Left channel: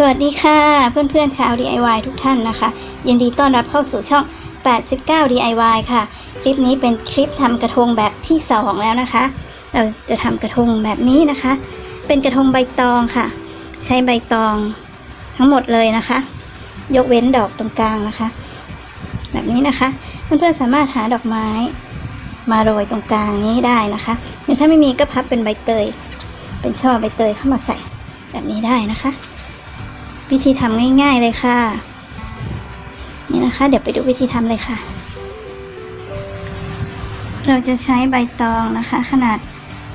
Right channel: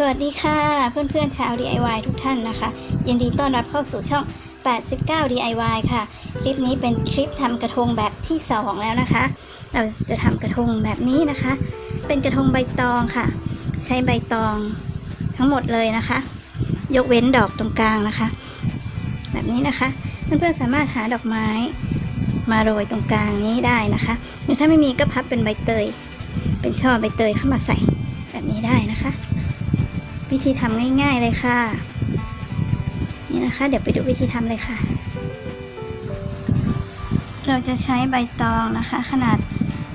สวัสดีค่ะ เพื่อนๆชาว DIY ทุกท่านนะคะ ยินดีต้อนรับเข้าสู่ช่อง 89 DIY ค่ะ คลิปนี้เป็นคลิปทำกระทงแบบที่ 2 แล้วนะคะ เราจะทำกระทงแบบนี้นะคะ เป็นกระทงใบตองค่ะ ใช้ใบตองทั้งหมดเลยนะคะ ยกเว้นดอกตรงกลางนะคะ แบบนี้นะคะ เพื่อนๆสามารถหาดอกไม้มาโรยตรงกลางนี้ได้นะคะหรือถ้าไม่มีก็พับเป็นใบเตย เป็นช่อใบเตยเข้ามาใส่แบบนี้ได้นะคะ วิธีทำง่าย ๆเลยค่ะ นี่นะคะ เดี๋ยวไปดูวิธีทำเลยค่ะ เราจะใช้ใบตองนะคะ ขนาด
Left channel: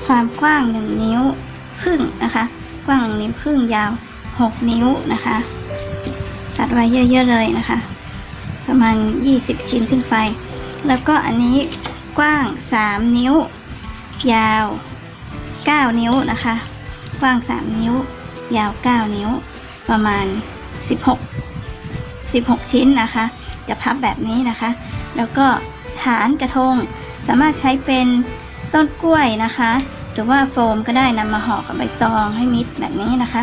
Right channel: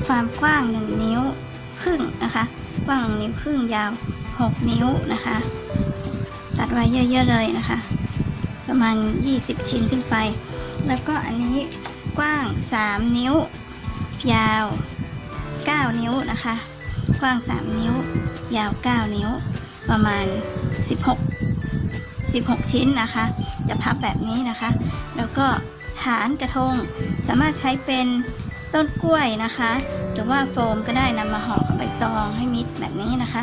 ความกว้าง 1 นิ้วครึ่งนะคะ กว้าง 1 นิ้วครึ่งยาว 6 นิ้วนะคะ ตัดไว้เยอะๆเลยนะคะ ประมาณ 20 ชิ้นขึ้นไป แล้วก็อันนี้กว้าง 3 นิ้ว ยาว 9 นิ้วนะคะ กว้าง 3 นิ้ว ยาว 9 นิ้ว ประมาณ 16 16 ชิ้นนะคะ จะพับแบบนี้นะคะ แล้วก็ฐานกระทงสามารถใช้เป็นต้นกล้วยนะคะ หรือว่าโฟมก็ได้นำมาห่อกับใบตองให้มิดแบบนี้นะคะ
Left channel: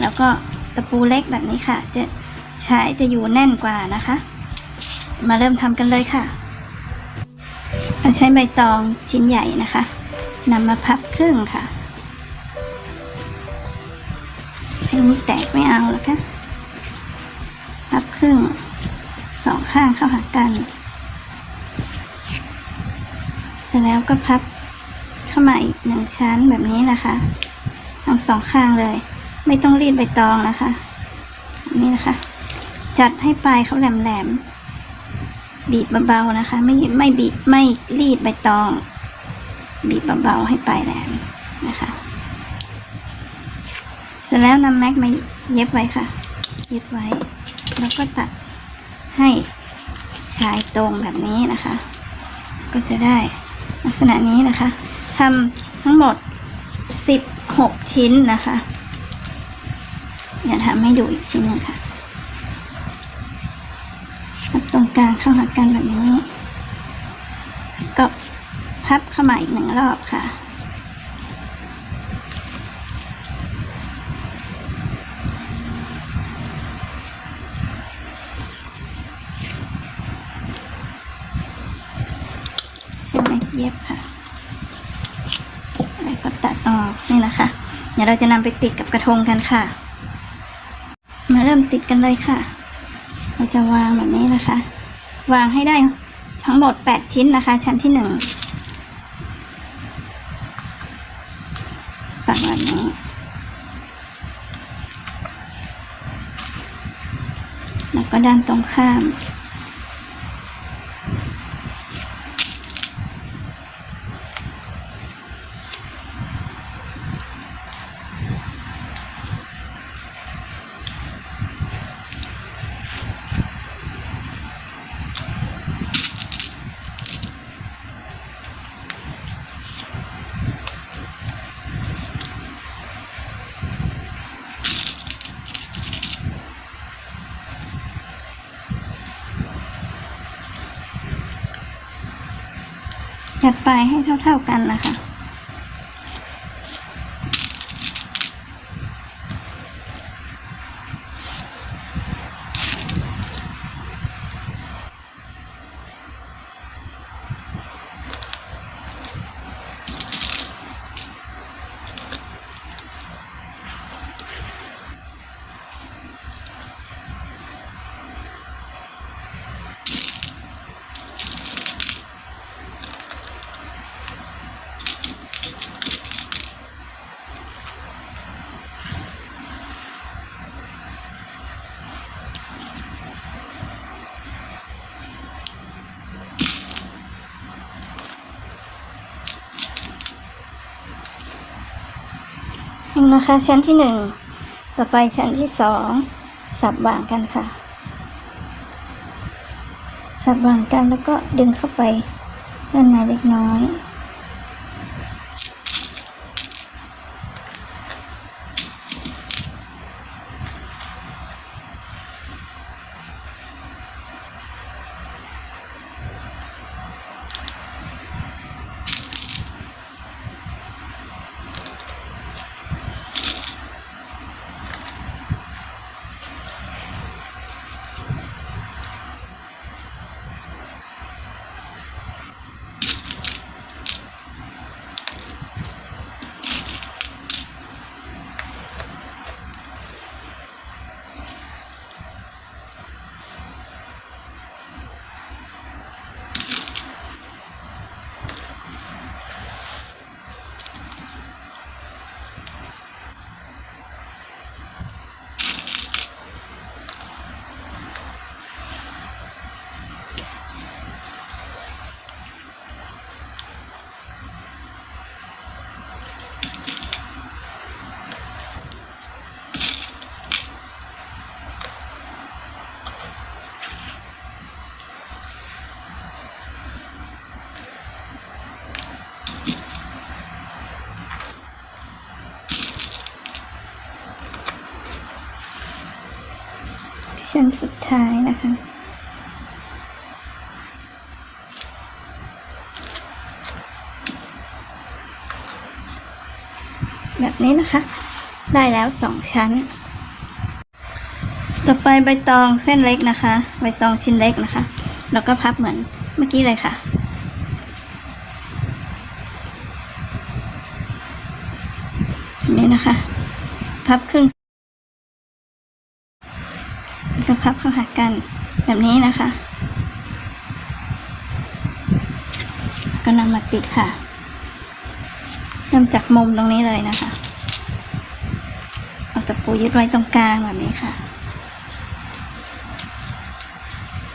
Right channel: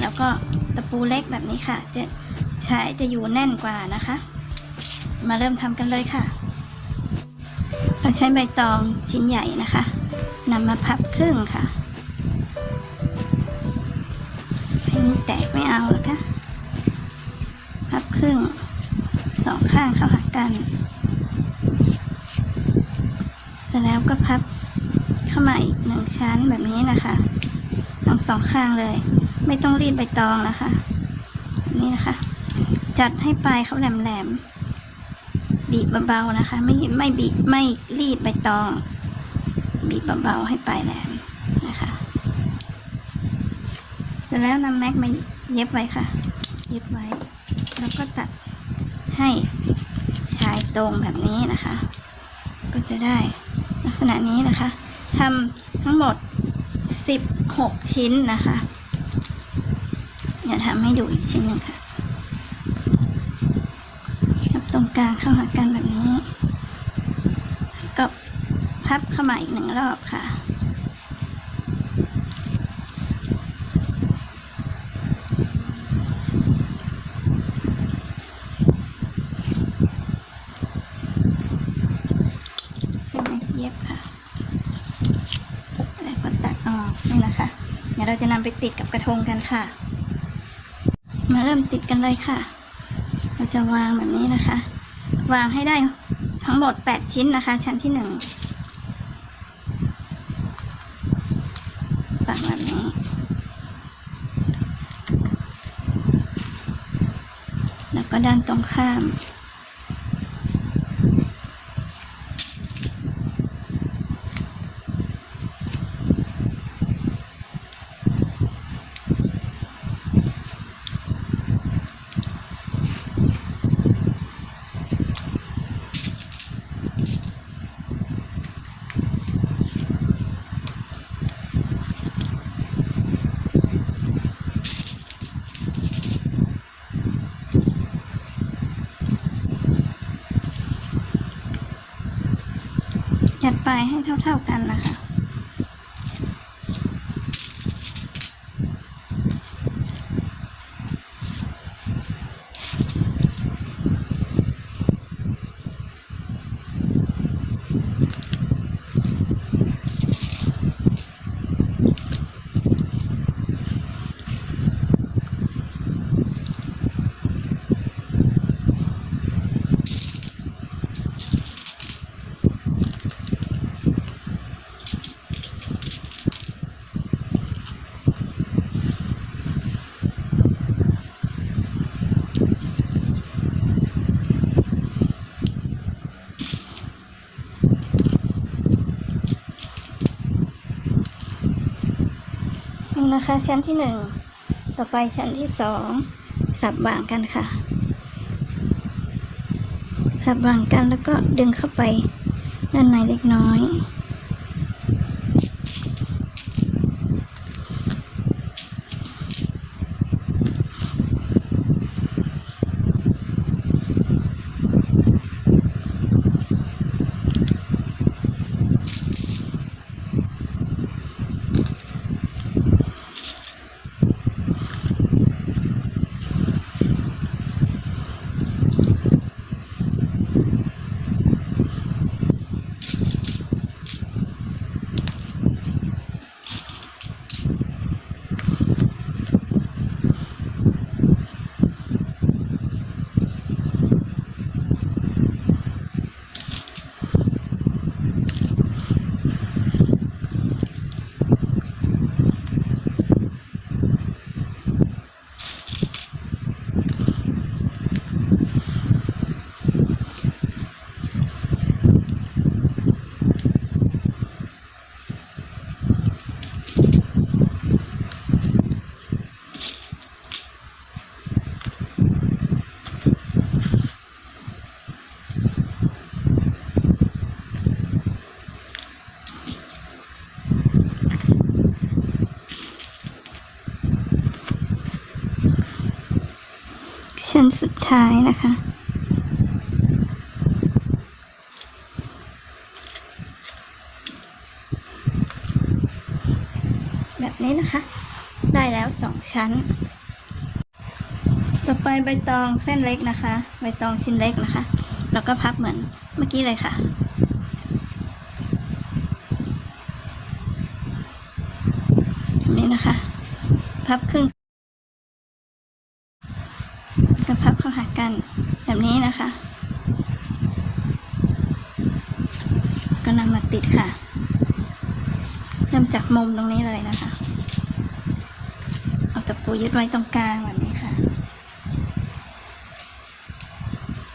แล้วก็ตะปูเล็กแบบนี้ค่ะ จะใช้จะอยู่แน่นกว่านะคะ มาเริ่มทำกันเลยค่ะเราใช้ใบตองชิ้นใหญ่นะคะนำมาพับครึ่งค่ะ ให้นี้แตกไม่เอาหรอกคะพับครึ่งสองข้างเข้าหากัน เสร็จแล้วก็พับเข้ามาอีกหนึ่งชั้นแบบนี้นะคะทั้งสองข้างเลย ไม่ต้องรีดใบตองนะคะ นี่นะคะ จัดให้ปลายเขาแหลมๆบีบเบาๆนะคะ ไม่ไม่บีบไม่รีดใบตอง บีบเบาๆให้ปลายแหลมนะคะ เสร็จแล้วนำแม็กมาเย็บไว้ค่ะ เย็บไว้ แล้วก็ตัดให้ชายตรงแบบนี้นะคะ ก็จะได้ลักษณะนี้นะคะทำทั้งหมด 16 ชิ้นนะคะเดี๋ยวทำให้ดูอีกชิ้นนึงค่ะพับตรงกลางเข้าหากันแบบนี้ ก็พับเข้ามาอีกหนึ่งรอบค่ะ ใช่ไหมเย็บค่ะ แล้วก็ตัด ออกนี่นะคะ เดี๋ยวเราจะนำไปติดกับกระทงกันค่ะ มาเริ่มติดกันเลยค่ะ เราจะวางแบบนี้นะคะ วางให้ได้ทั้งหมด 8 ชิ้นนะคะ ชั้นที่หนึ่งปักแบบนี้แล้วก็ด้านตรงข้าม ลายให้เท่า ๆกันนะคะ นะคะ ชั้นที่หนึ่งต่อไปชั้นที่สองสับบ่างกันค่ะ สับบ่างกันแล้วก็ดึงเข้าไปด้านในเล็กน้อย สุดท้ายนะคะ แบบนี้นะคะ ได้แล้วสองชั้น ต่อไปใบตองเส้นเล็กนะคะ ใบตองชิ้นเล็กนะคะ แล้วก็พับเหมือนเมื่อกี้เลยค่ะแบบนี้นะคะ พับครึ่งแล้วก็พับเข้า หากันแบบนี้นะคะ ก็นำมาติดค่ะเริ่มจากมุมตรงนี้เลยนะคะ เอาตะปูยึดไว้ตรงกลางแบบนี้ค่ะ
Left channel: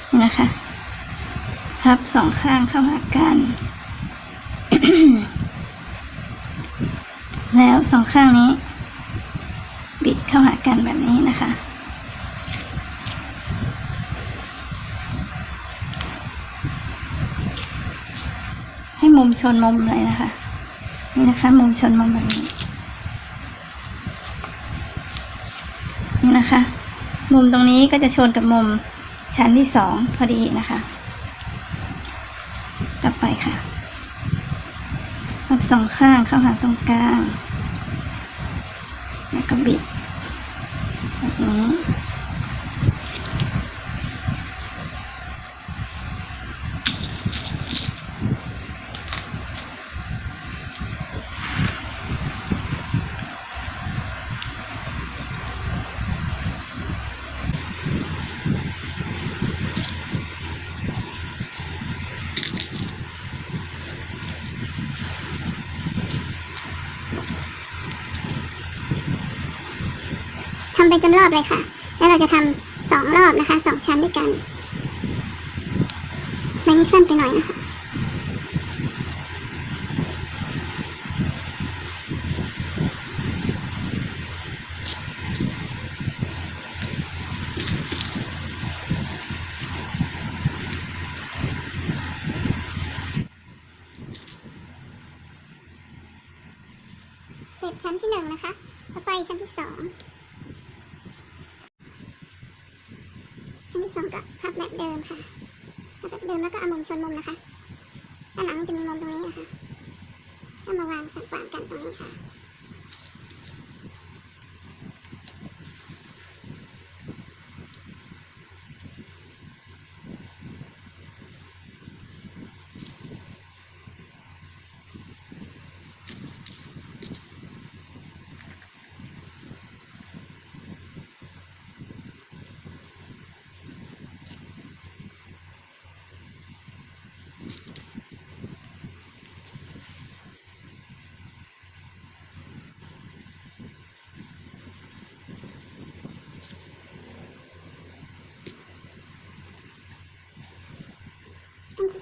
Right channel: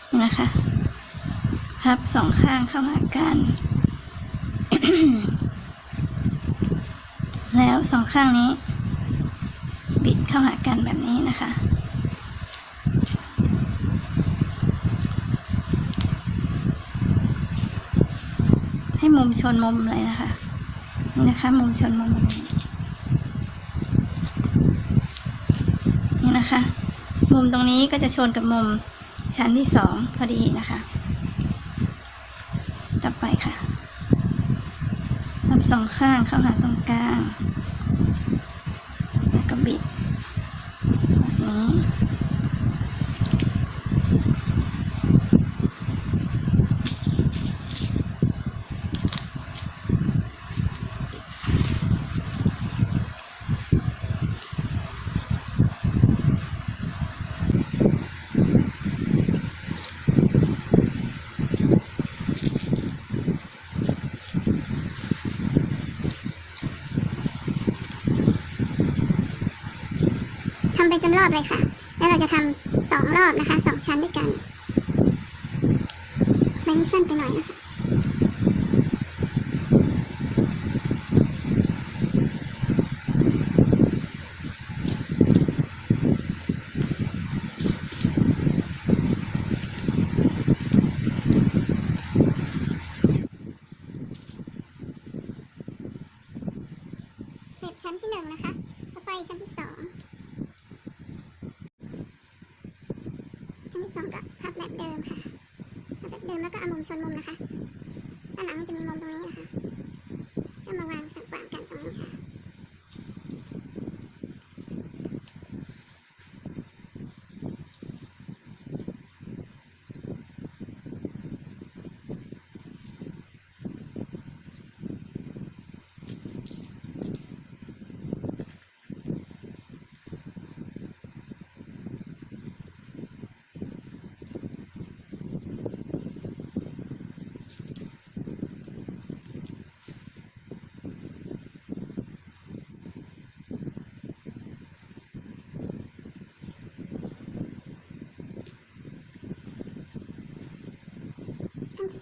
นี่นะคะพับสองข้างเข้าหากัน แล้วสองข้างนี้ บิดเข้าหากันแบบนี้นะคะ มุมชนมุมเลยนะคะ นี่นะคะ มุมชนมุมแบบนี้นี่นะคะ มุมตรงนี้ก็จะชนกับมุมชั้นที่สองพอดีนะคะต่อไปค่ะพับสองข้างเข้าหาตรงกลาง แล้วก็บิดแบบนี้ ไปจนรอบเลยค่ะ แล้วเราจะทำสองรอบนะคะสองชั้นด้วยกันแบ่งสั้นไปหน่อยนะคะเสร็จชั้นที่หนึ่งนะคะ ต่อไปชั้นที่สอง ชั้นที่ สองก็พับแบบเดิมค่ะพับแบบเดิมแล้วก็เอามุมชนมุมนะคะด้านหลังมันจะมีมุมตรงนี้นะคะแล้วมาวางสักวางกันตรงนี้ค่ะ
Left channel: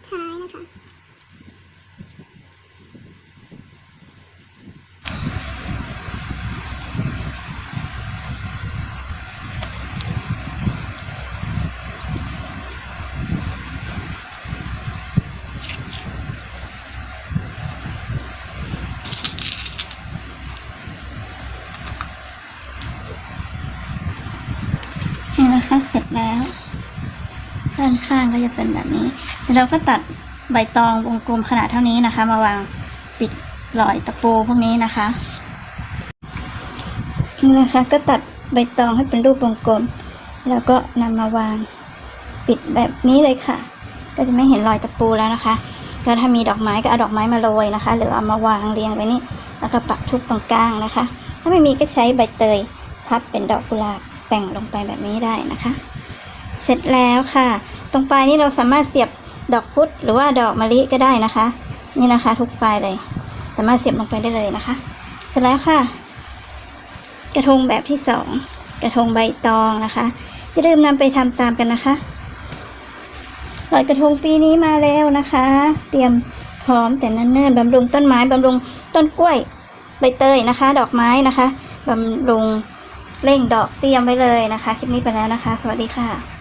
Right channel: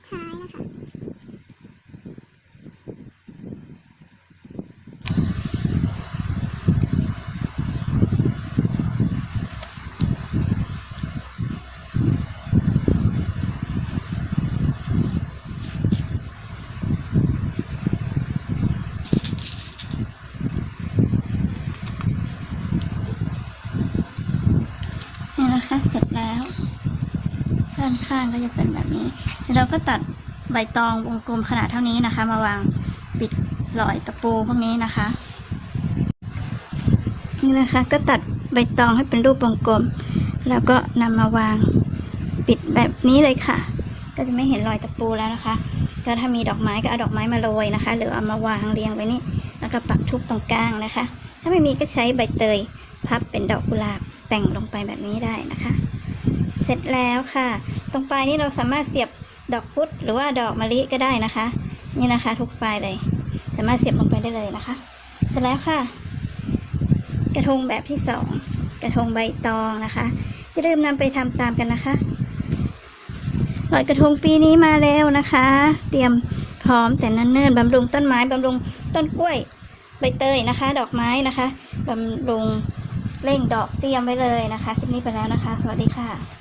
ท้ายนะคะนี่นะคะเสร็จแล้ว ด้านข้างก็จะเป็นแบบนี้เราก็ตัดใบตองวงกลมขนาดเท่านี้นะคะ มาวางปิดรอยตะปูพวกนี้นะคะนี่นะคะ ก็ตัดใบตองให้เป็นรูปวงกลม แล้วก็นำมาวางปิดแบบนี้เลยค่ะ ก็จะไม่เห็นรอยตะปูแล้วนะคะ ก็ถ้ามีดอกไม้ก็เอาดอกไม้มาโรยนะคะ หรือเอามาวางเรียงไว้นี่แล้วก็ปักทุบตรงกลางนะคะ ถ้าไม่มีก็ใช้ใบเตยพับเป็นดอกกุหลาบแต่งลงไปแบบนี้ได้นะคะ สร็จแล้วค่ะ ตรงปลายนี้เราสามารถเสียบดอกพุธหรือว่าดอกมะลิก็ได้นะคะ นี่นะคะ ทุกปลายเลย สามารถเสียบลงไปได้เลยนะคะ เสร็จแล้วค่ะ กระทงแบบที่สองกระทงใบตองนะคะอย่าลืมนำไปทำตามกันนะคะลอยกระทงปีนี้มาแล้วนะคะ เตรียมพร้อมแต่เนิ่นๆบำรุงต้นไม้บำรุงต้นกล้วยใบเตยนะคะ ดอกไม้นะคะบำรุงเร่งดอกเตรียมไว้เลยนะคะ คลิปนี้ไปแล้วนะคะ สวัสดีค่ะ